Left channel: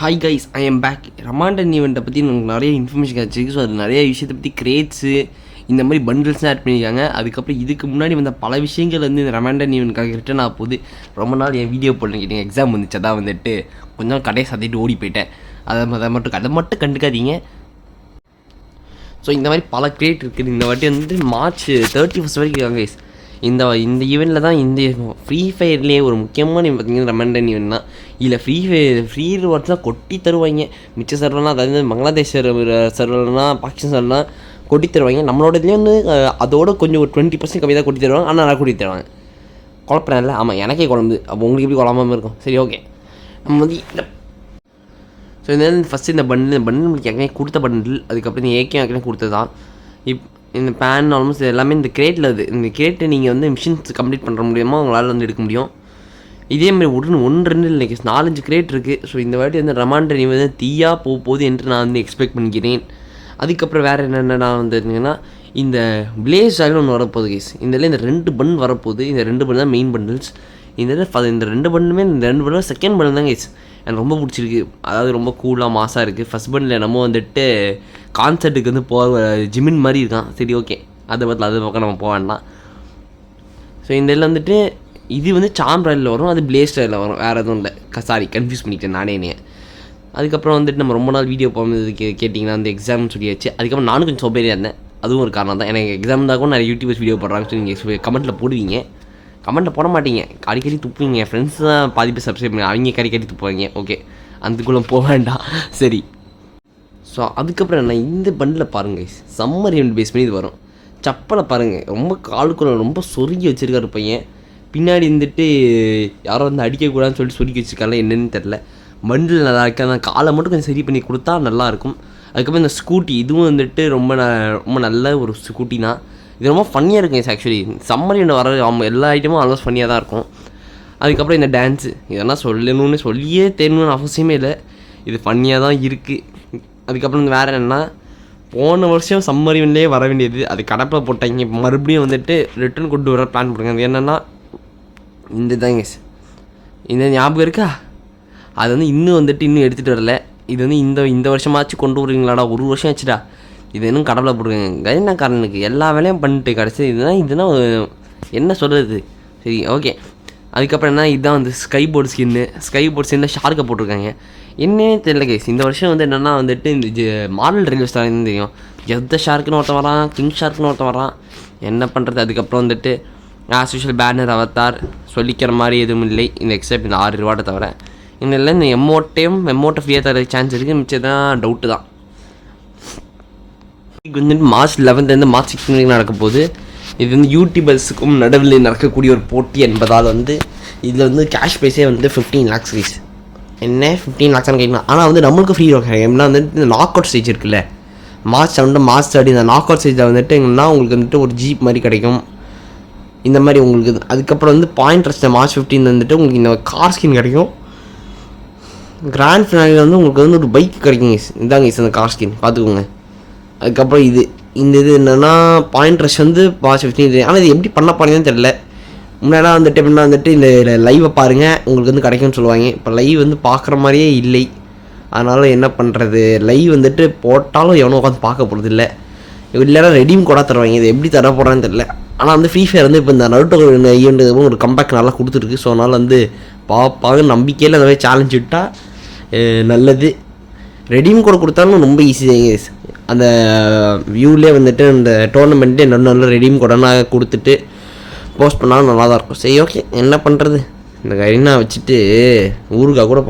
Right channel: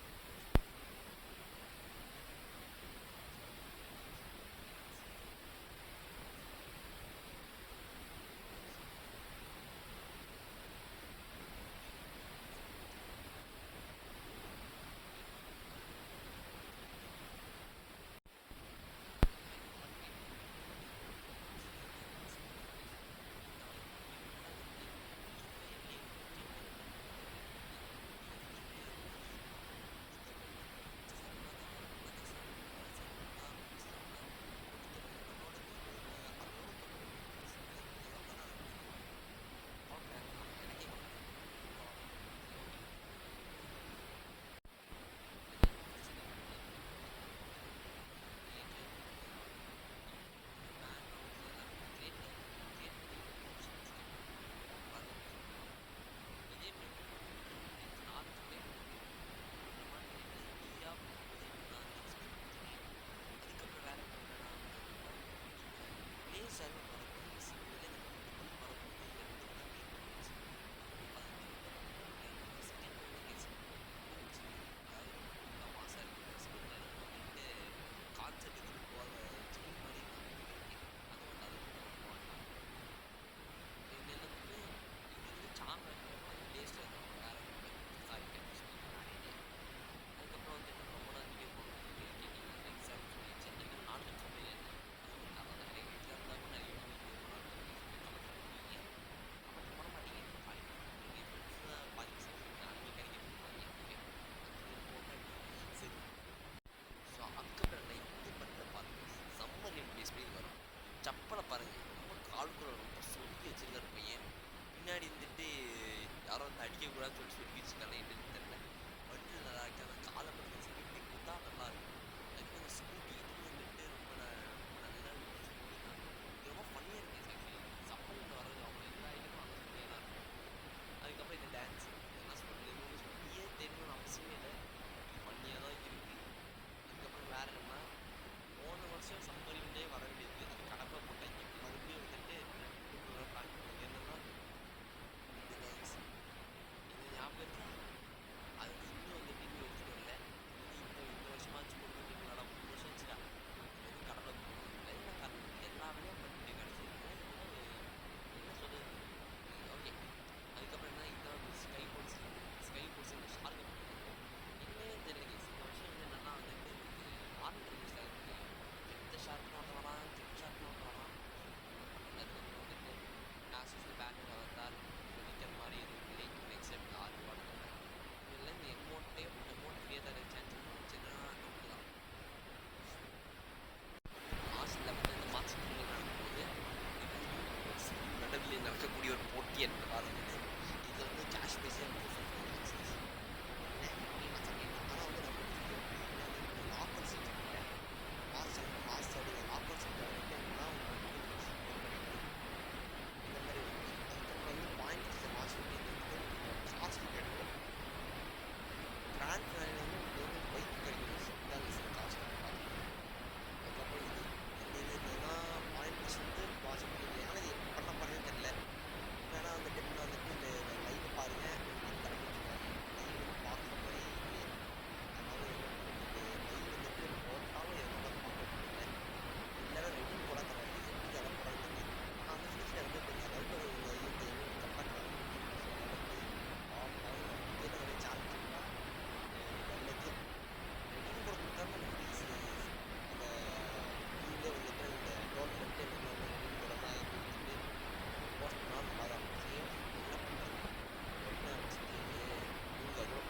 Hi guys, I am back. Ramadan ஈவெண்ட்டை பற்றி எனக்கு நிறைய இன்ஃபர்மேஷன் கிடச்சிருக்கு. ஸோ அது நிறைய விஷயத்தை பற்றி கிரேட்ஸு இந்த மாதிரி பண்டில்ஸ்லாம் ஆட் பண்ணியிருக்காங்க. அதுக்கப்புறம் இதுக்கு முன்னாடி வந்த பல விஷயங்கள் வந்து இந்த ரமாண்டன் ஈவெண்ட்காக ரிட்டர்ன் ஆக போகுது. ரொம்ப நாள் என் வீடியோ போடணும் கேட்டீங்க, எக்ஸாம் வந்துச்சு. அதான் வந்துட்டு கொஞ்சம் கடையை சத்திட்டு ஓடி போயிட்டேன். அதை மட்டும் கண்டுக்காதீங்க. ஸோ இந்த மாதிரி பல கிரியேட் இருக்குது. இந்த வாட்டி வந்துட்டு March 31 வரைக்கும் இருக்காங்க கைஸ். இந்த ஈவெண்ட்டில் தான் இந்த ஃப்ரீ ஃபயர்லேயே ஒரு முக்கியமான பார்த்தீங்கன்னா ரமாண்டன் ஈவெண்ட் தான். இதில் ஃப்ரீ ரிவார்ட்ஸ் தான் கொட்டி தருவாங்க. மிச்ச சர்வர்லாம், அதாவது பங்களாதேஷ் சர்வர்லாம், பாகிஸ்தான் சர்வர்லாம் கொட்டி தருவாங்க. நம்மளோட இதுலேயே வந்து அதோட கொஞ்சம் ஒரு 20% கம்மி தான் கொட்டி தருவாங்க. ஆனால் நல்லா கொட்டி தருவாங்க. குழப்பம் இல்லை. ஆமாம், எனக்கே குழம்பு. அப்போ உங்களுக்கு எப்படி குழம்பாமல் இருக்கும்? சரி, ஓகே. நம்ம வந்து ஸோ இந்த ஃபஸ்ட்டு இந்த பண்டில் நம்மளுக்கு ஏற்கனவே கொடுத்த பண்டில். அதுக்கப்புறம் இந்த ஏகே ஏற்கனவே கொடுத்தது தான். இந்த பேன் ஆல்மோஸ்ட் எல்லாமே இந்த கிரேட்டில் இருக்குது. இந்த கிரேட்டை நீங்கள் வந்து மிஷின்ஸ் கம்ப்ளீட் பண்ணுற முடியுமா உங்களால் வந்து எடுக்க முடியும். இதேமாதிரி 1-2 இல்லை 4-5 கிரேட் இருக்குது. ஸோ இந்த வாட்டி வந்து ரமாண்டன் வந்து தீயாக போகுது என்று நான் வந்து எக்ஸ்பெக்ட் பண்ணிக்கிறேன். அதுக்கப்புறம் வேறு என்னென்னா வந்துருந்தீங்கன்னா இந்த பிளேஸ் ஆகிலும் ஒன்று வரப்போகுது கேஸ். இதில் இந்த 2 பன் வரப்போகுது. இந்த 2 பன் தான் மெயின் பண்டில்ஸ். இந்த 2 பன்னுமே இந்த 2 பன்னும் செகண்ட் பன் தான் கேஸ். எனக்கு ரொம்ப பிடிச்சிருக்கு. அதாவது ரொம்ப கூலாக மாசாக இருக்குது. ஃபஸ்ட் பன்னில் நம்ம வந்துட்டு கான்சர்ட்டுக்கு வந்து ஜிமின் மாதிரி இருக்கான். சரி, ஓகே. அது பக்கம் நம்ம போக வேண்டாம். ஸோ இந்த இதில் வந்துட்டு இது வந்து சாம் ராயலில் வரும், அது பிளேஸ் ராயலில் வரும். வேறு எதுவும் இல்லை. சாரி, கன்ஃபியூஸ் பண்ணிட்டேன் நானே. அதுக்கப்புறம் வந்துட்டு நம்ம ரொம்ப நாள் வீடியோ போகும்போது கேட்டிங்கன்னா அந்த எக்ஸாம்னு சொல்லியாச்சு. அதுக்கப்புறம் நானும் கொஞ்சம் சோம்பேறியாக இருந்தேன். அதுவும் ஒரு காரணம் தான். எனக்கு எக்ஸாம் தான் கூட நிறைய யூடியூபர்ஸ் வீடியோ போடுறாங்கன்னு சொல்லி நீங்கள் கமெண்ட்டில் போடுவீங்க. கமெண்ட்டில் போட மாட்டீங்க, அடிக்கடி துப்புவீங்க. என் ஃப்ரெண்ட்ஸ் தான் பாதி பேர் சப்ஸ்கிரைப் பண்ணி அவங்க அடிக்கடி துப்புவாங்க. ஓகே, அதுக்குள்ளே போக வேண்டாம். சரி. ஸோ அதுக்கப்புறம் என்ன, இந்த பண்டில் பாருங்கள், சம்மர் ஈவெண்ட் பேஸ் பண்ணி இது வரும். சப்பலை பாருங்கள், ரொம்ப காலுக்குள்ள ரொம்ப சொருகி வச்சுருக்காரு பையன். பின்னாடி வந்துட்டு யாரோ வந்து அடிக்கக்கூடாதுன்னு சொல்லிட்டு சொருகி வச்சுருக்காங்க. என்னென்னு தெரில. பண்டில் நல்லா இருக்குது. அந்த காலை மட்டும் கொஞ்சம் சரி பண்ணி கொடுத்தா நல்லாயிருக்கும். அதுக்கப்புறம் இந்த ஸ்கூட்டி, இதுவும் வந்துட்டு ரொம்ப நல்ல ஒரு ஸ்கூட்டி தான். இது ரொம்ப ஃபன்னியாக இருக்கும் ஆக்சுவலி. சம்மர் ஈவெண்ட் வர எல்லா ஐட்டமும் ஆல்மோஸ்ட் ஃபன்னியாக தான் இருக்கும். அதுக்கப்புறம் இந்த டான்ஸு, இதெல்லாம் சொல்லணும்னு சொல்லியே தெரியணும்னு அவசியமே இல்லை. இது ஃபன்னியாக தான் இருக்குது. அதுக்கப்புறம் வேறு என்னென்னா, போன வருஷம் சம்மர் ஈவெண்ட்லேயே வர வேண்டியது அது கடப்பில் போட்டாங்க. இப்போ மறுபடியும் வந்துட்டு ரிட்டர்ன் கொண்டு வர பிளான் பண்ணுங்க. அது என்னென்னா இந்த தாங்க, இந்த ஞாபகம் இருக்கா? அது வந்து இன்னும் எடுத்துகிட்டு வரல. இது வந்து இந்த வருஷமாச்சும் கொண்டு வருவீங்களாடா? 1 வருஷம் ஆச்சுடா. இது இன்னும் கடப்பில் போட்டுருங்க. என்ன காரணனுக்கு எல்லா வேலையும் பண்ணிட்டு கிடச்சி இதுதான் என்ன சொல்கிறது? சரி, ஓகே. அதுக்கப்புறம் என்ன, இதுதான் வந்து ஸ்கை போர்டு ஸ்கின்னில் ஷார்க்கை போட்டிருக்காங்க. என்னன்னே தெரியல கைஸ். இந்த வருஷம் வந்து என்னென்னா வந்துட்டு இந்த மாடல் ரிலீஸ் தான் தெரியும். எந்த ஷார்க்குன்னு ஒருத்தன் வரான், கிங் ஷார்க்குன்னு ஒருத்தன் வரான். என்ன பண்ணுறது? அதுக்கப்புறம் வந்துட்டு ஆஸ் யூஷுவல் பேனர் அவத்தார் சொல்லிக்கிற மாதிரி எதுவும் இல்லை. இந்த எக்ஸப்ட் இந்த 6 ரிவார்டை தவிர இந்த எமோட்டை ஃப்ரீயாக தர சான்ஸ் இருக்குது. மிச்சம் தான் டவுட்டு தான். வந்துட்டு March 11 March 16 வரைக்கும் நடக்க போகுது. இது வந்து யூடியூபர்ஸுக்கும் நடுவில் நடக்கக்கூடிய ஒரு போட்டி என்பதால் வந்து இதில் வந்து கேஷ் ப்ரைஸே வந்து 15 lakhs கைஸ். என்ன 15 lakhs கேட்கலாம். ஆனால் வந்து நம்மளுக்கு ஃப்ரீ கிடைக்கும். எப்படின்னா வந்துட்டு இந்த நாக் அவுட் ஸ்டேஜ் இருக்குல்ல, March 7 March 30 இந்த நாக் அவுட் ஸ்டேஜில் வந்துட்டு எங்கன்னா உங்களுக்கு வந்துட்டு ஒரு ஜீப் மாதிரி கிடைக்கும். இந்த மாதிரி உங்களுக்கு அதுக்கப்புறம் வந்து பாயிண்ட் ரெஸ்ட்டில் March 15 வந்துட்டு உங்களுக்கு இந்த கார் ஸ்கின் கிடைக்கும். கிராண்ட் ஃபினாலில் வந்து உங்களுக்கு வந்து ஒரு பைக் கிடைக்கும் கைஸ். இதாங்க கைஸ் அந்த கார் ஸ்கின், பார்த்துக்கோங்க. அதுக்கப்புறம் இது என்னென்னா பாயிண்ட் ரஷ் வந்து March 15. ஆனால் இது எப்படி பண்ண போறீங்கன்னு தெரியல. முன்னாடி வந்துட்டு எப்படின்னா வந்துட்டு இந்த லைவை பாருங்கள் உங்களுக்கு வந்து கிடைக்கும்னு சொல்லுவாங்க. இப்போ லைவ் வந்து பார்க்குற மாதிரியே இல்லை. அதனால் என்ன பண்ணுறது, லைவ் வந்துட்டு போட்டாலும் எவனோ உட்காந்து பார்க்க போகிறது இல்லை. இல்லைனா ரெடீம் கூட தருவாங்க. இது எப்படி தர போகிறான்னு தெரியல. ஆனால் வந்து ஃப்ரீ ஃபயர் வந்து இப்போ இந்த நருட்டோ ஈவெண்ட்டு ஒரு கம்பேக் நல்லா கொடுத்துருக்கு. ஸோ அதனால் வந்து பார்ப்பாங்க நம்பிக்கையில் அந்த மாதிரி சேலஞ்ச் விட்டால் நல்லது. ரெடீம் கூட கொடுத்தாலும் ரொம்ப ஈஸி தான். அந்த வியூவிலே வந்துட்டு அந்த டோர்னமெண்ட்டே நல்ல ரெடீம் கூடனா கொடுத்துட்டு போஸ்ட் பண்ணாலும் நல்லா தான் இருக்கும். சரி, ஓகே. என்ன பண்ணுறது, இந்த கரீனா வச்சுட்டு ஊருக்கா கூட